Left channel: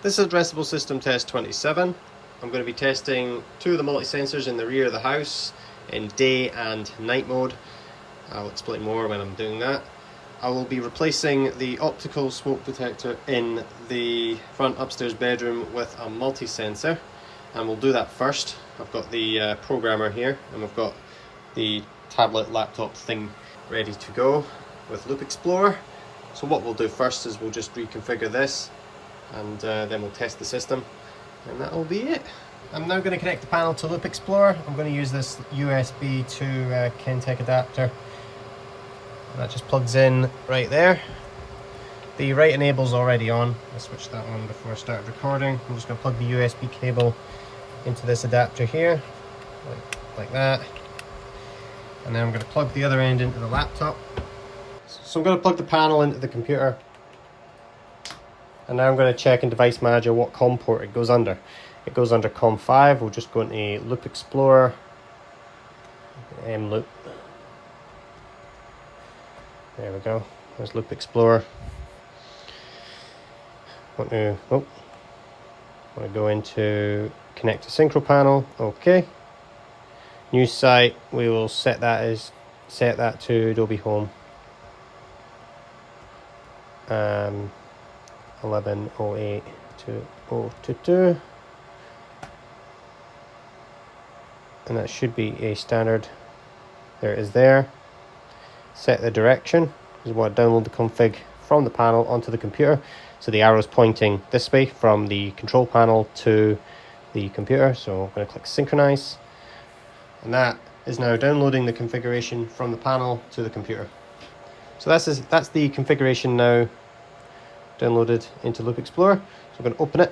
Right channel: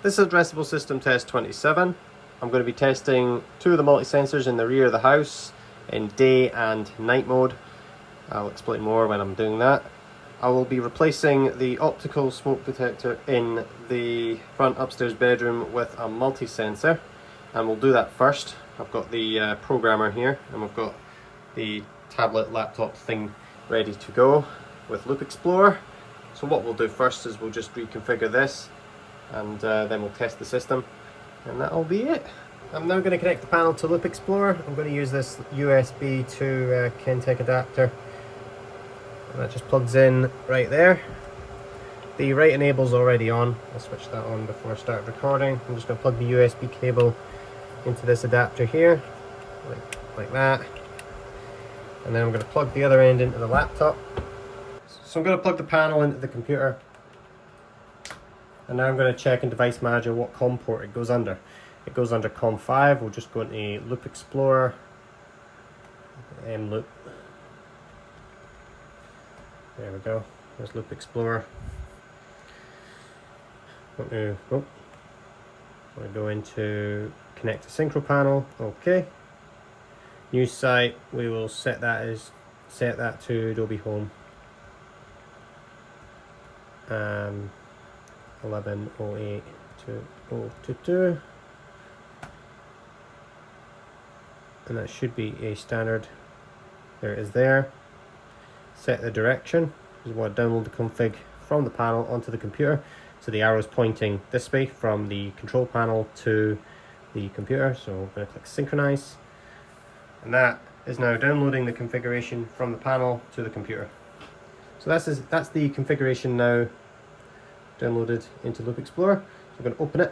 This is Addressable System Test 27. I'm going to be testing two of the multi-sensors in the rear of the house in day and night mode. I'll explain more when I'm doing that. I will be replacing the optical smoke detector in the front upstairs bedroom with a multi-sensor, and we'll do that first. I've got the programmer here, and we've got the tablet laptop thing ready to go with Loop Explorer. So what we'll do first is we'll just reconfigure this, and then we'll test the system, and that'll be it. I'm now going to connect the panel to Loop Explorer. I'm going to use this USB to Kentech adapter. And that just plugs in right there. The right enable's already on. I'll switch that on before I start recording. I'm just going to plug the USB cable into this adapter here, like that. And then I'm going to plug the other end into the laptop. So I'm going to plug the panel into the computer. And now I'm going to check in Device Manager what COM port it goes under. It goes under COM 5. We'll just go into Loop Explorer, Loop. There we go. There's Loop Explorer. Want to go into Connect to Synchro Panel. Okay. New site. We will set that to Adobe Home. 1108.2022, and that should be a standard. There it is there. Set the direction. This is what I download the config from the panel onto the computer, so the arrow is pointing this way from the control panel to the computer. So I'm going to click synchronize, and that is now downloading the configuration from the panel to the computer. So that's the configuration now downloaded into Loop Explorer. So I'm going to open it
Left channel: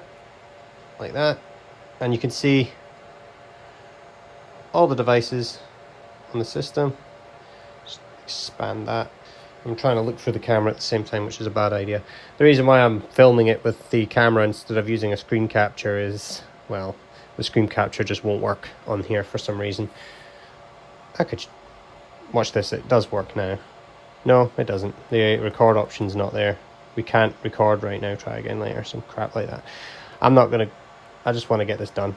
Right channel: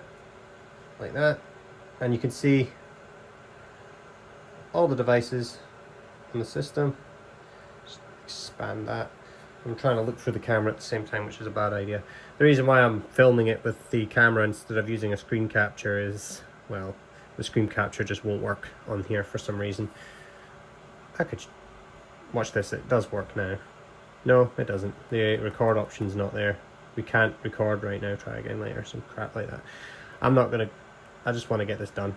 like that, and you can see all the devices on the system. Just expand that. I'm trying to look through the camera at the same time, which is a bad idea. The reason why I'm filming it with the camera instead of using a screen capture is, well, the screen capture just won't work on here for some reason. I could watch this. It does work now. No, it doesn't. The record option's not there. We can't record right now, try again later, some crap like that. I just want to get this done.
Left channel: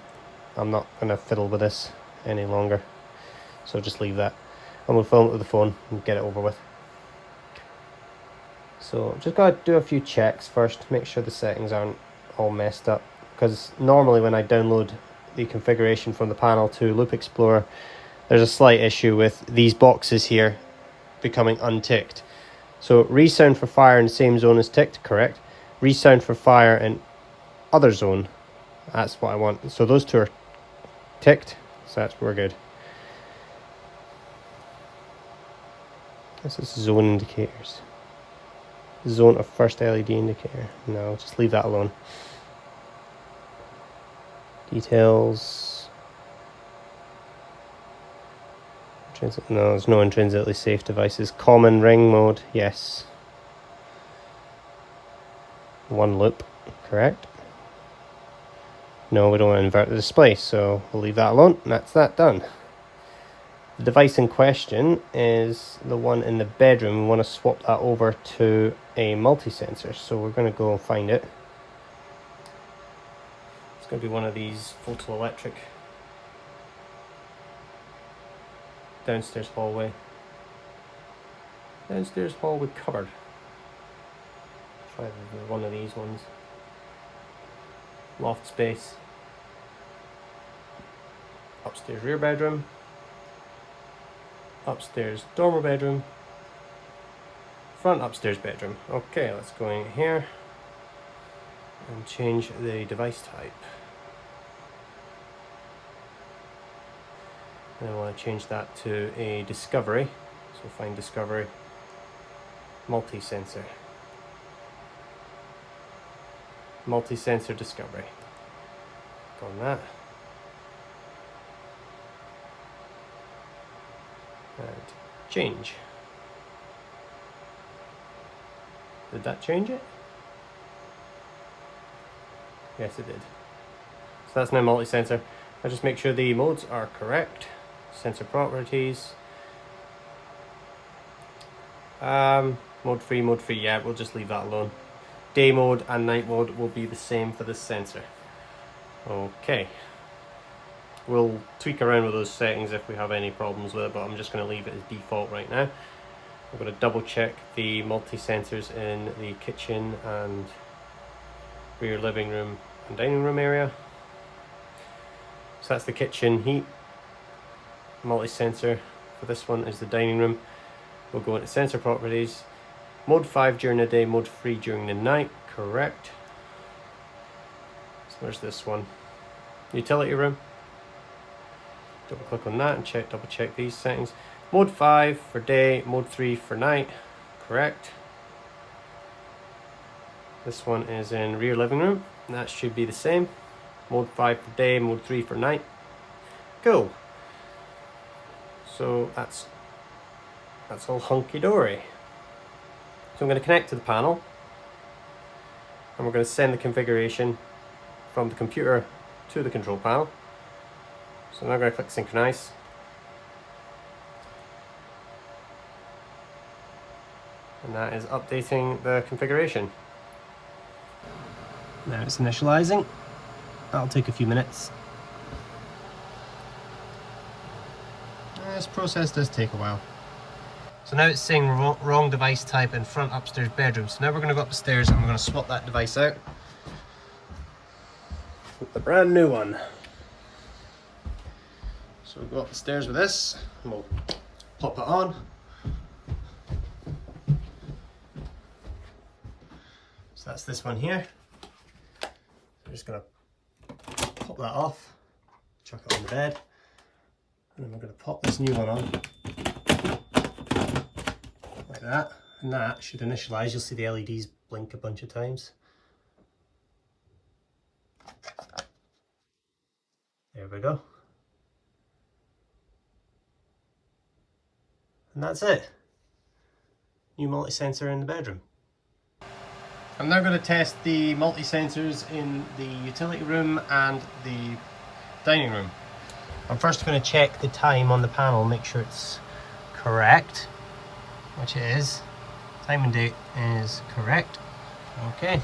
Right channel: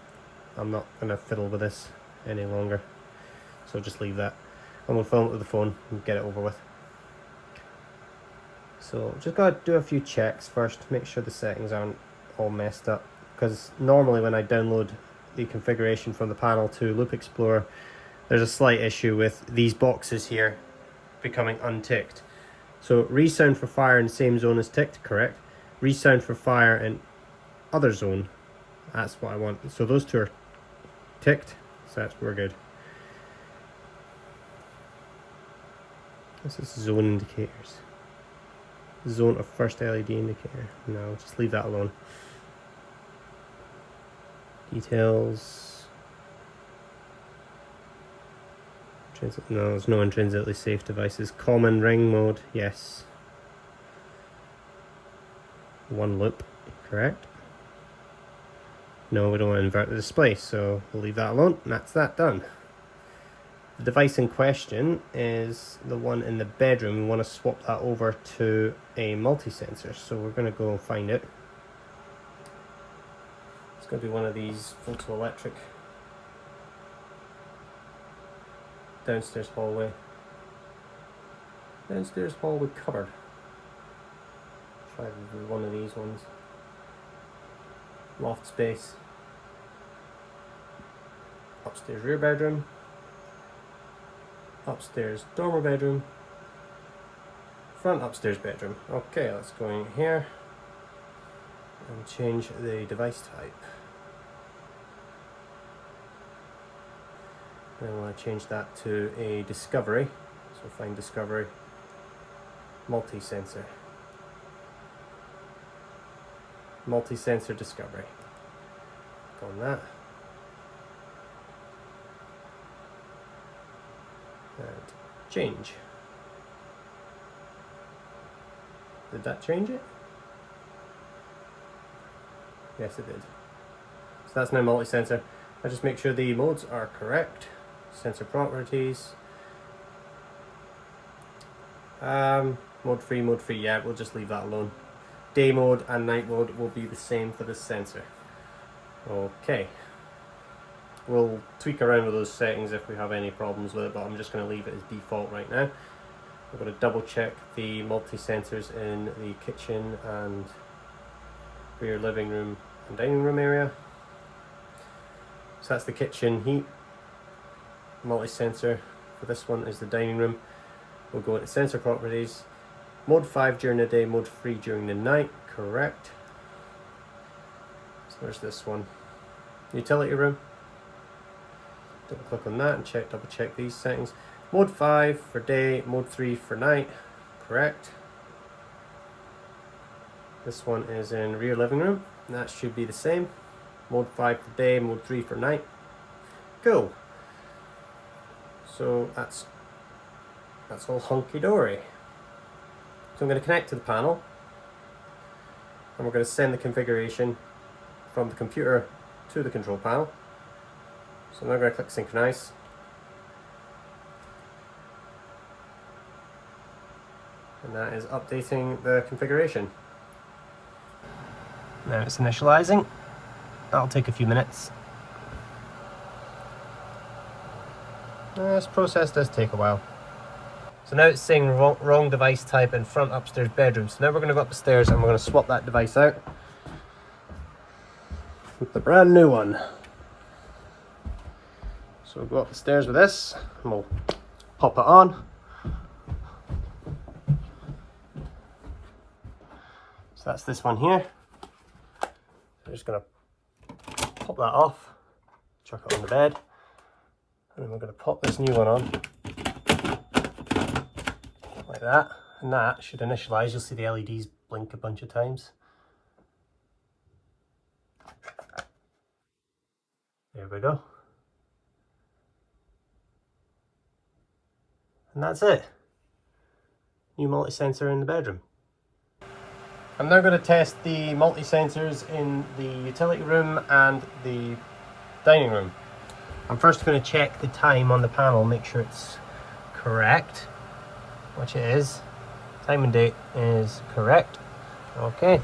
I'm not going to fiddle with this any longer. So just leave that. And we'll film it with the phone and get it over with. So just got to do a few checks first, make sure the settings aren't all messed up. Because normally when I download the configuration from the panel to Loop Explorer, there's a slight issue with these boxes here becoming unticked. So resound for fire in the same zone is ticked, correct. Resound for fire in other zone, that's what I want. So those two are ticked, so we're good. This is zone indicators. Zone of first LED indicator. No, just leave that alone. Details. No, there's no intrinsically safe devices. Common ring mode, yes. One loop, correct. No, we don't want to invert the display, so we'll leave that alone, and that's that done. The device in question is the one in the bedroom. We want to swap that over to a multi-sensor, so we're going to go and find it. It's going to be one of these photoelectric downstairs hallway cupboard. Try one of these ones. Loft space. Upstairs rear bedroom. Upstairs dormer bedroom. Front upstairs bedroom. Okay, let's go in here and change the device type. I want to change that to a Discovery, so find Discovery, multi-sensor. Multi-sensor Discovery. Click on that. And change. Did that change it? Yes, it did. So that's my multi-sensor. I'll just make sure the modes are correct. Sensor properties. Mode free, yeah, we'll just leave that alone. day mode and night mode will be the same for this sensor. Okay. We'll tweak around with those settings if we have any problems with it, but I'm just going to leave it as default right now. I'm going to double check the multi-sensors in the kitchen and rear living room and dining room area. So that's the kitchen heat multi-sensor. For this one is the dining room. We'll go into sensor properties. Mode 5 during the day, mode 3 during the night. Correct. So where's this one? Utility room. Double click on that and double check these settings. Mode 5 for day, mode 3 for night. Correct. This one is in rear living room, and that should be the same. Mode 5 for day, mode 3 for night. Cool. So that's all hunky-dory. So I'm going to connect to the panel, and we're going to send the configuration from the computer to the control panel. So I'm now going to click synchronize. And that is updating the configuration. Now it's initializing. That'll take a few minutes. This process does take a while. So now it's saying wrong device type in front upstairs bedroom. So now we're going to go up the stairs and we're going to swap that device out with the brand new one. So we'll go up the stairs with this and we'll pop it on. So that's this one here. I'm just going to pop that off, chuck it on the bed, and then we're going to pop this new one on like that, and that should initialize. You'll see the LEDs blink a bunch of times. There we go. And that's it. New multi-sensor in the bedroom. I'm now going to test the multi-sensors in the utility room and the dining room. I'm first going to check the time on the panel, make sure it's correct, which it is. Time and date is correct. Okay.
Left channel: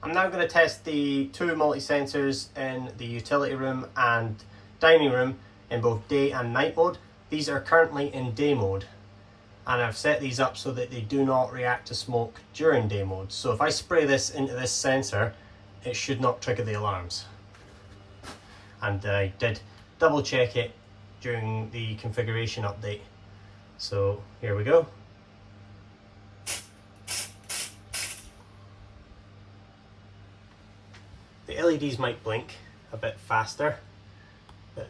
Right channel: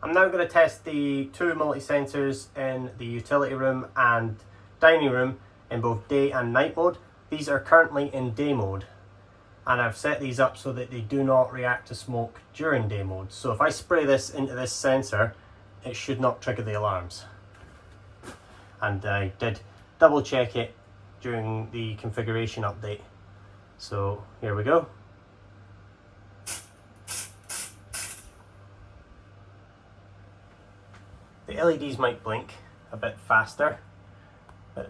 I'm now going to test the two multi-sensors in the utility room and dining room in both day and night mode. These are currently in day mode, and I've set these up so that they do not react to smoke during day mode. So if I spray this into this sensor, it should not trigger the alarms. And I did double check it during the configuration update. So here we go. The LEDs might blink a bit faster, but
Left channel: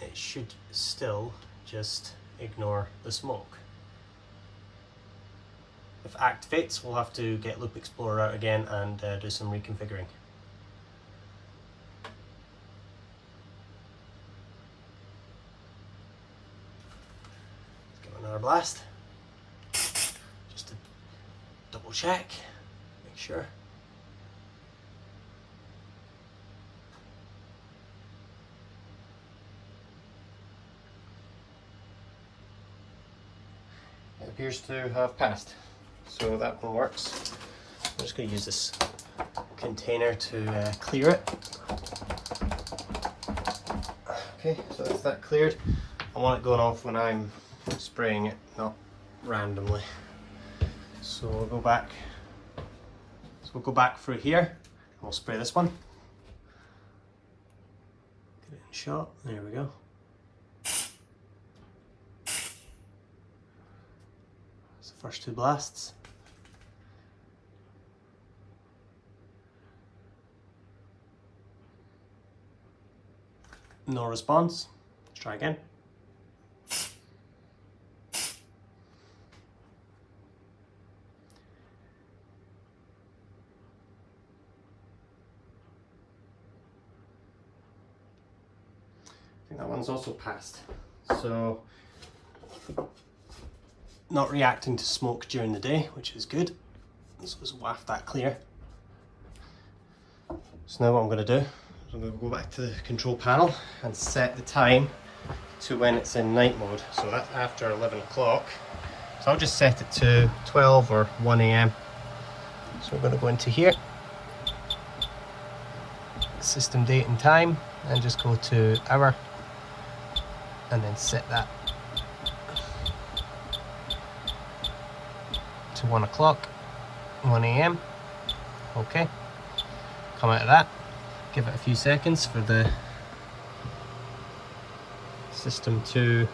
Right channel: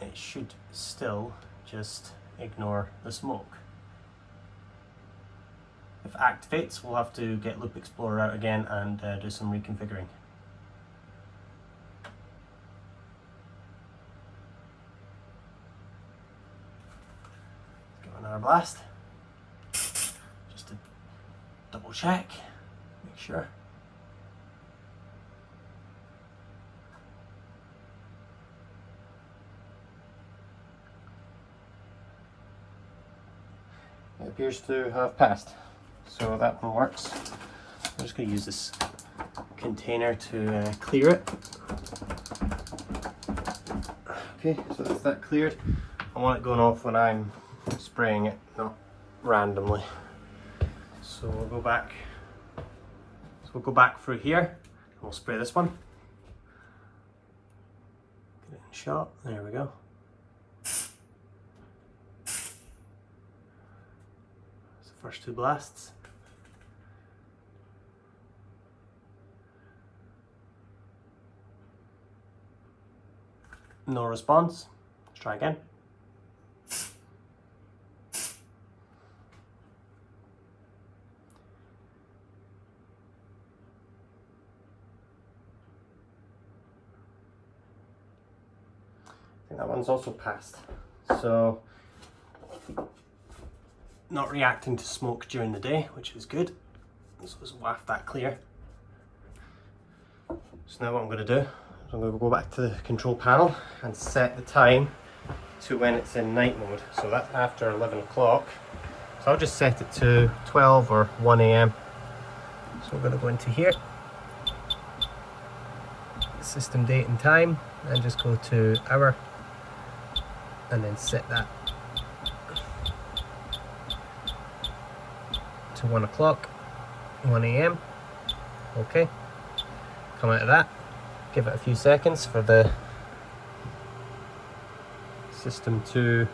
it should still just ignore the smoke. If it activates, we'll have to get Loop Explorer out again and do some reconfiguring. Let's give it another blast, just to double check, make sure. It appears to have passed. So that one works. I'm just going to use this container to clear it. Okay, so that's that cleared. I want it going off when I'm spraying it, not randomly. So we'll go back. So we'll go back through here and we'll spray this one. Get it in shot. There we go. That's the first two blasts. No response. Let's try again. I think that one's also passed. So, not reacting to smoke during the day, which is good. So let's waft that clear. So now what I'm going to do, I'm going to go back to the control panel and set the time to when it's in night mode. So that's after 11 o'clock. So I'll just set it to 12 or 1 AM. So we're going to go into here, system date and time, and just go to hour and then set that to 1 o'clock, 1 AM. Okay, come out of that, give it a few seconds for the system to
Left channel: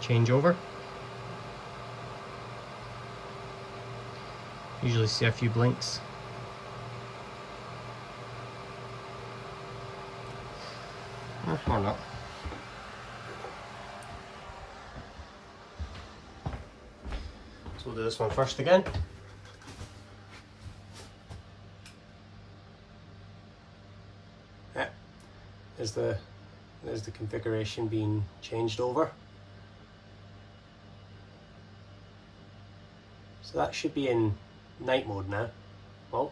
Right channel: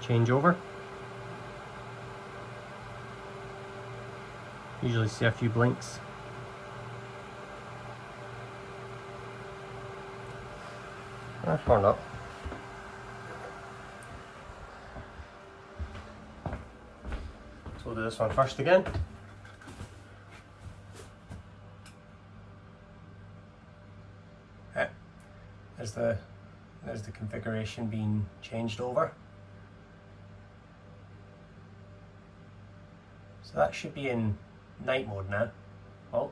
change over. Usually see a few blinks. Or not. So we'll do this one first again. Yeah. There's the configuration being changed over. So that should be in night mode now. Oh.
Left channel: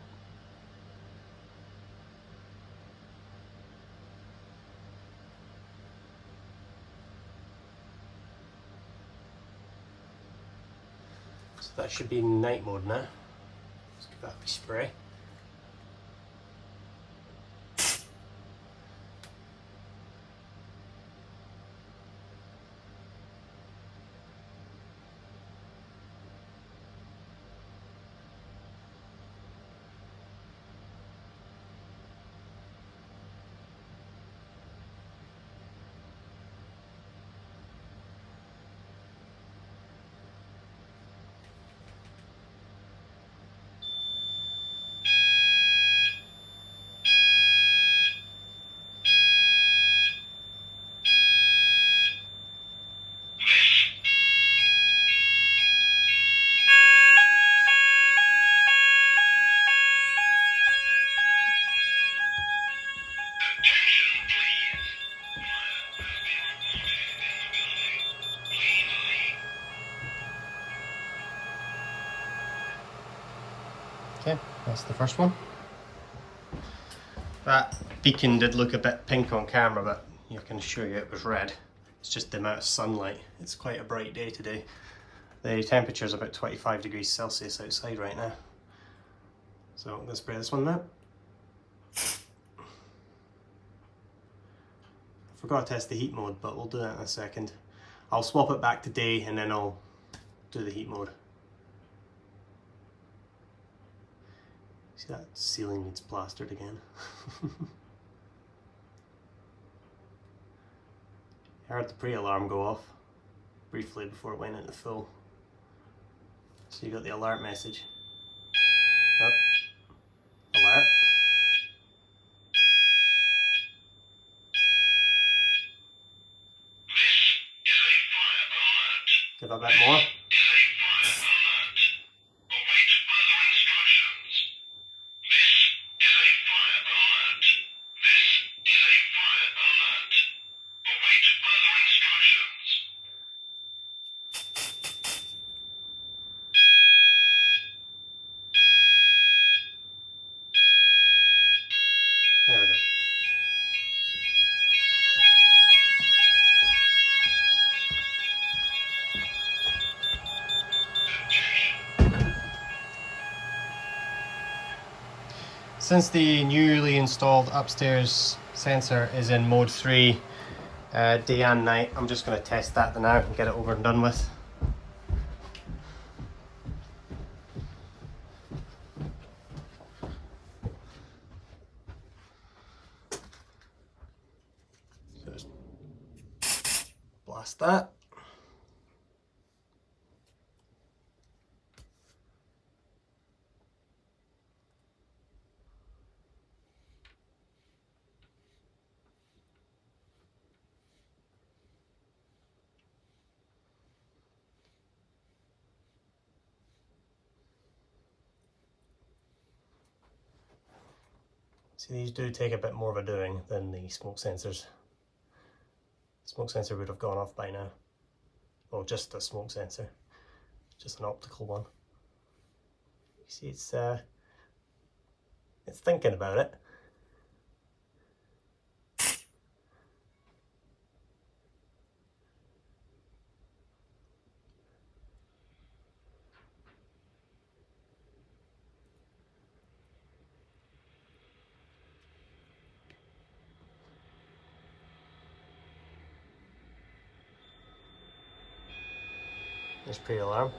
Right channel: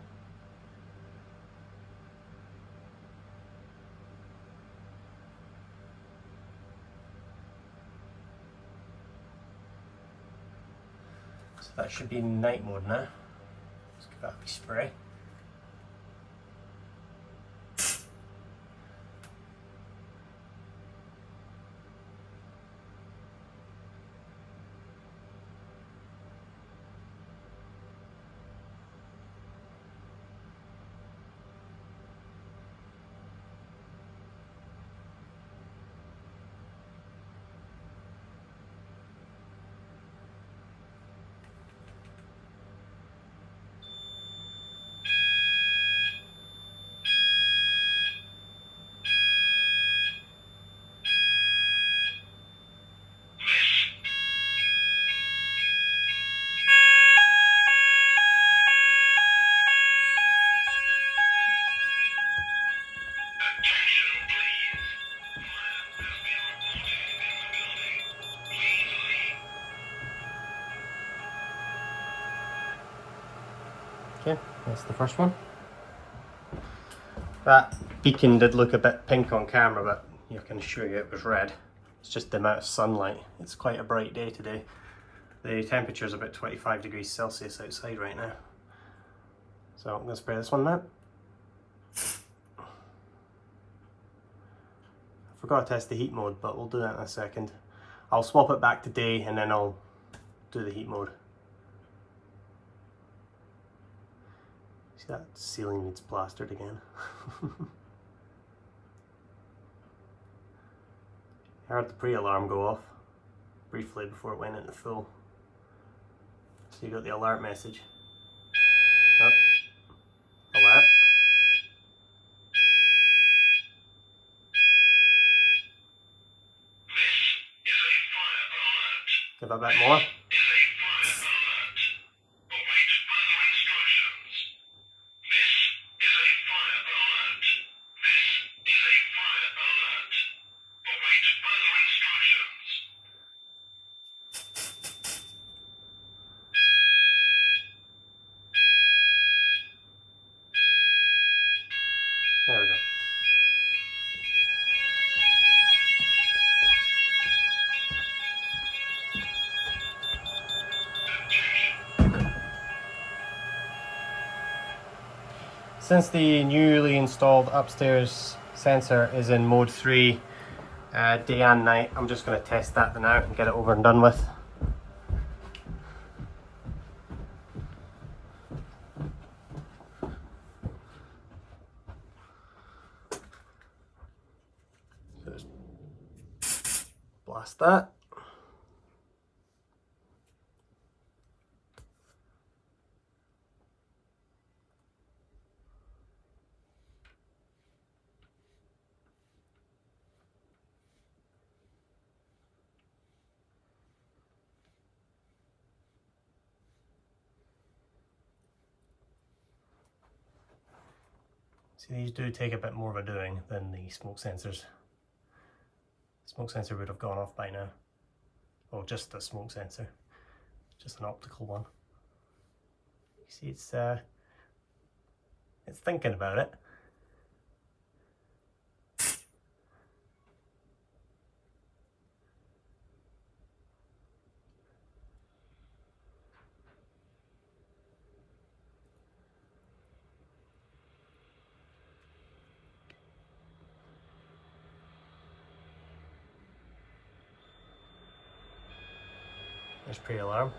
So that should be in night mode now. Let's give that a wee spray. Okay, that's the first one. That beacon did look a bit pink on camera, but I can assure you it was red. It's just the amount of sunlight. It's quite a bright day today. The temperature is about 25 degrees Celsius outside right now. So I'm going to spray this one now. I forgot to test the heat mode, but we'll do that in a second. I'll swap it back to day and then I'll do the heat mode. See, that ceiling needs plastered again. I heard the pre-alarm go off briefly before it went into full. So you got the alert message. Oh. Alert. Give it a bit more. There we go. Since the newly installed upstairs sensor is in mode 3, day and night, I'm just going to test that now and get it over and done with. Just blast that. See, these do take a bit more of a doing than the smoke sensors. The smoke sensor would have gone off by now. Well, just the smoke sensor, just an optical one. You see, it's thinking about it. There's pre-alarm.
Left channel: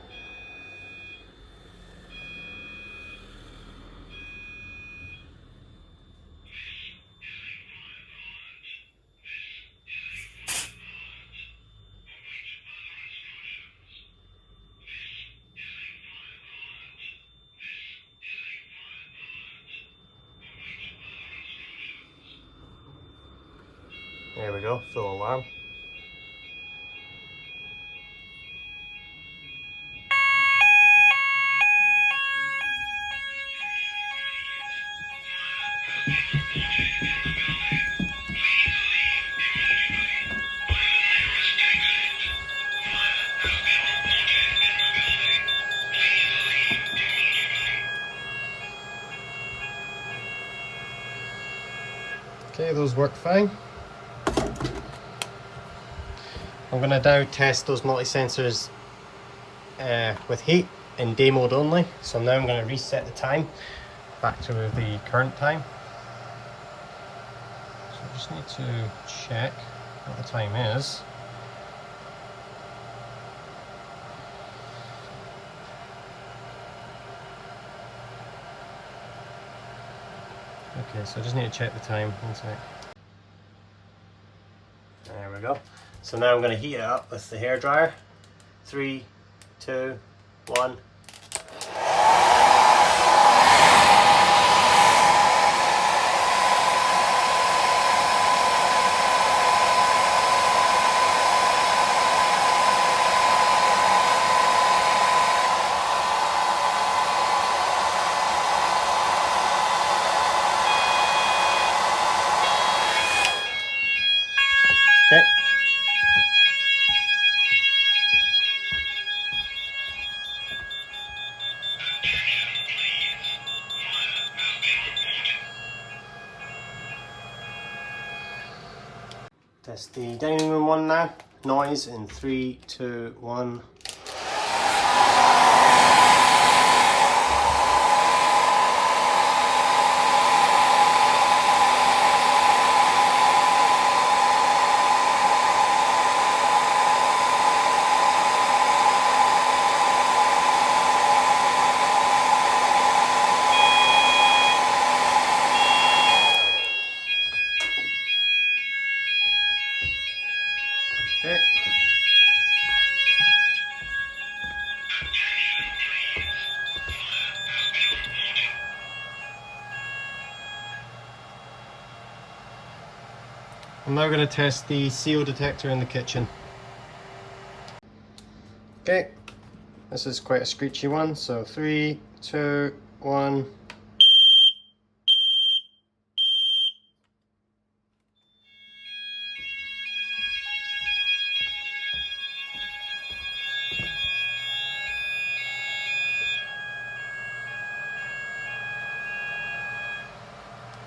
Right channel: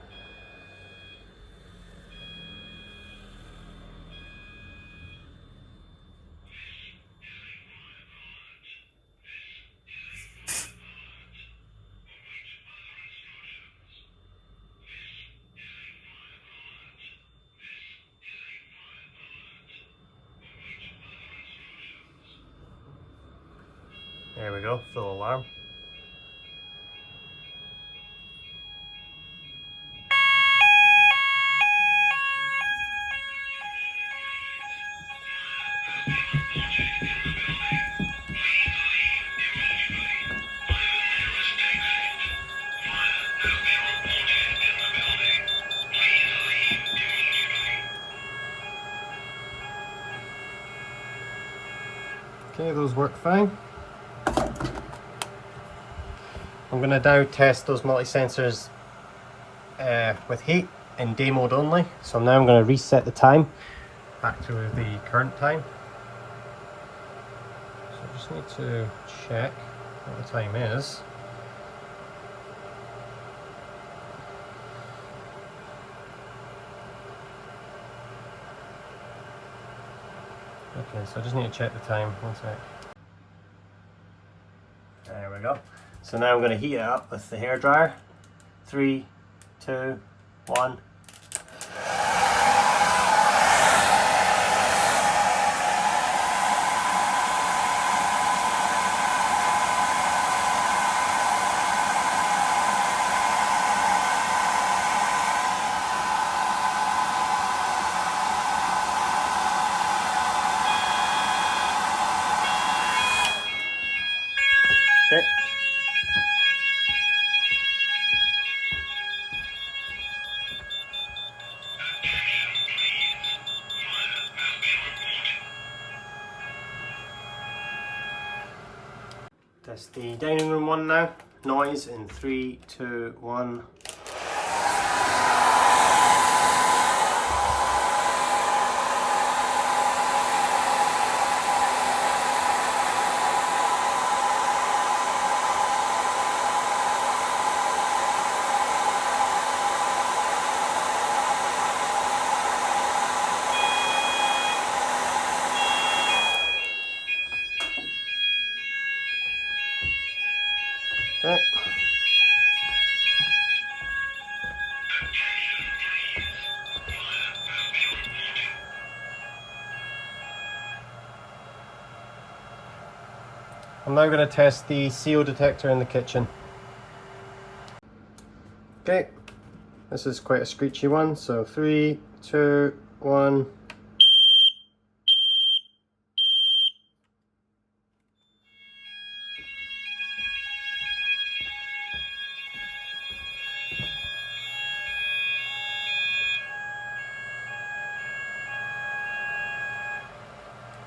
There we go, full alarm. Okay, those work fine. I'm going to now test those multi-sensors with heat in day mode only. So now I'm going to reset the time back to the current time. So I just need to check what the time is. Okay, so I just need to check the time. One sec. There we go. So now I'm going to heat it up with the hairdryer. 3, 2, 1. Okay. Test the dining room one now. Noise in 3, 2, 1. Okay. I'm now going to test the CO detector in the kitchen. Okay, this is quite a screechy one, so 3, 2, 1.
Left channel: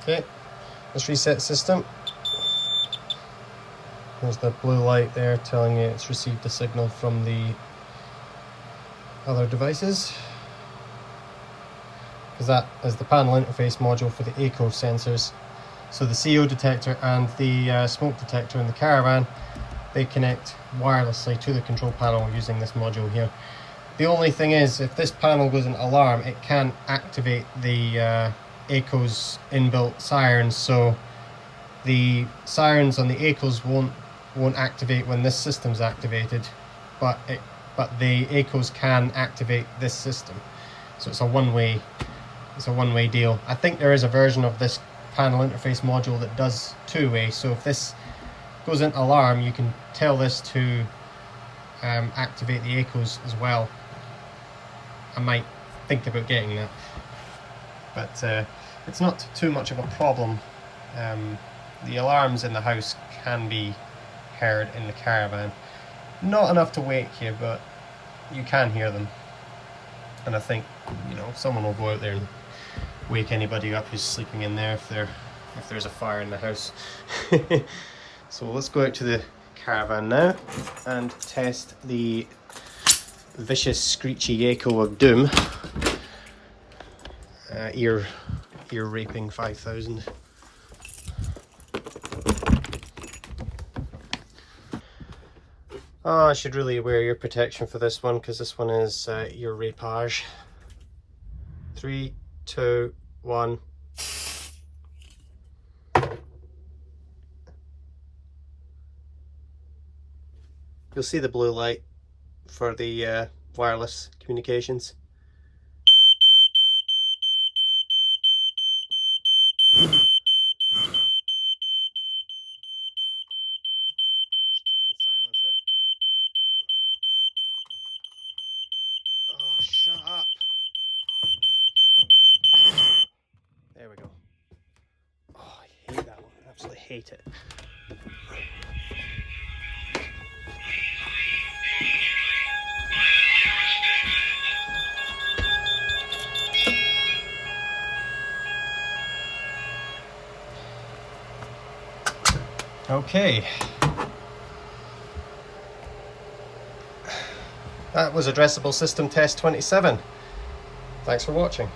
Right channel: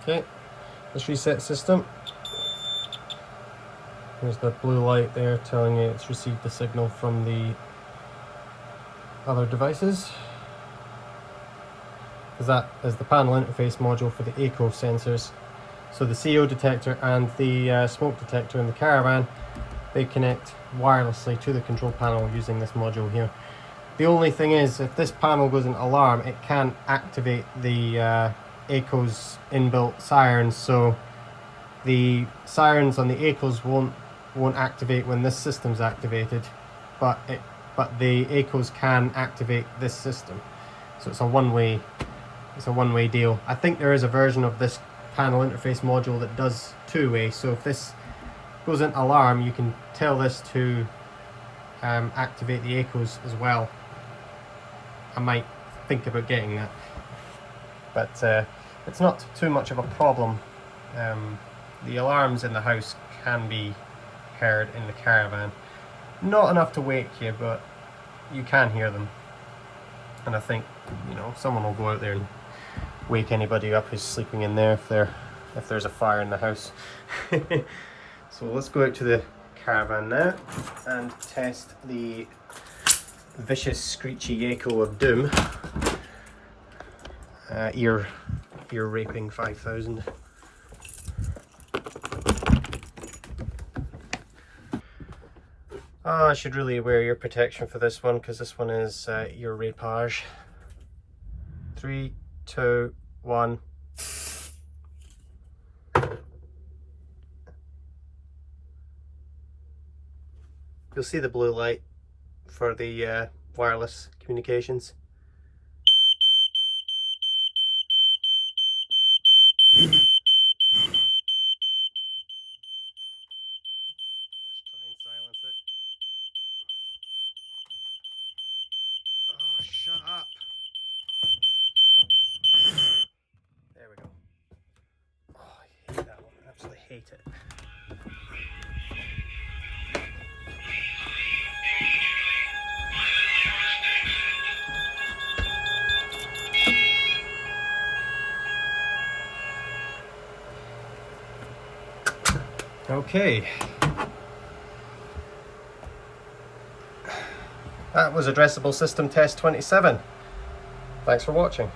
Okay, let's reset system. There's the blue light there telling you it's received the signal from the other devices. Because that is the panel interface module for the eco sensors. So the CO detector and the smoke detector in the caravan, they connect wirelessly to the control panel using this module here. The only thing is, if this panel goes into alarm, it can't activate the Eco's inbuilt sirens, so the sirens on the Ecos won't activate when this system's activated, but the Ecos can activate this system. So it's a one-way deal. I think there is a version of this panel interface module that does two-way, so if this goes into alarm, you can tell this to activate the Ecos as well. I might think about getting that, but it's not too much of a problem. The alarms in the house can be heard in the caravan. Not enough to wake you, but you can hear them. And I think, you know, someone will go out there and wake anybody up who's sleeping in there if there's a fire in the house. So let's go out to the caravan now and test the vicious screechy echo of doom. Ear raping 5000. Oh, I should really wear ear protection for this one because this one is ear rapage. 3, 2, 1. You'll see the blue light for the wireless communications. Let's try and silence it. Oh, shut up. There we go. Oh, I hate that one. I absolutely hate it. Okay. That was Addressable System Test 27. Thanks for watching.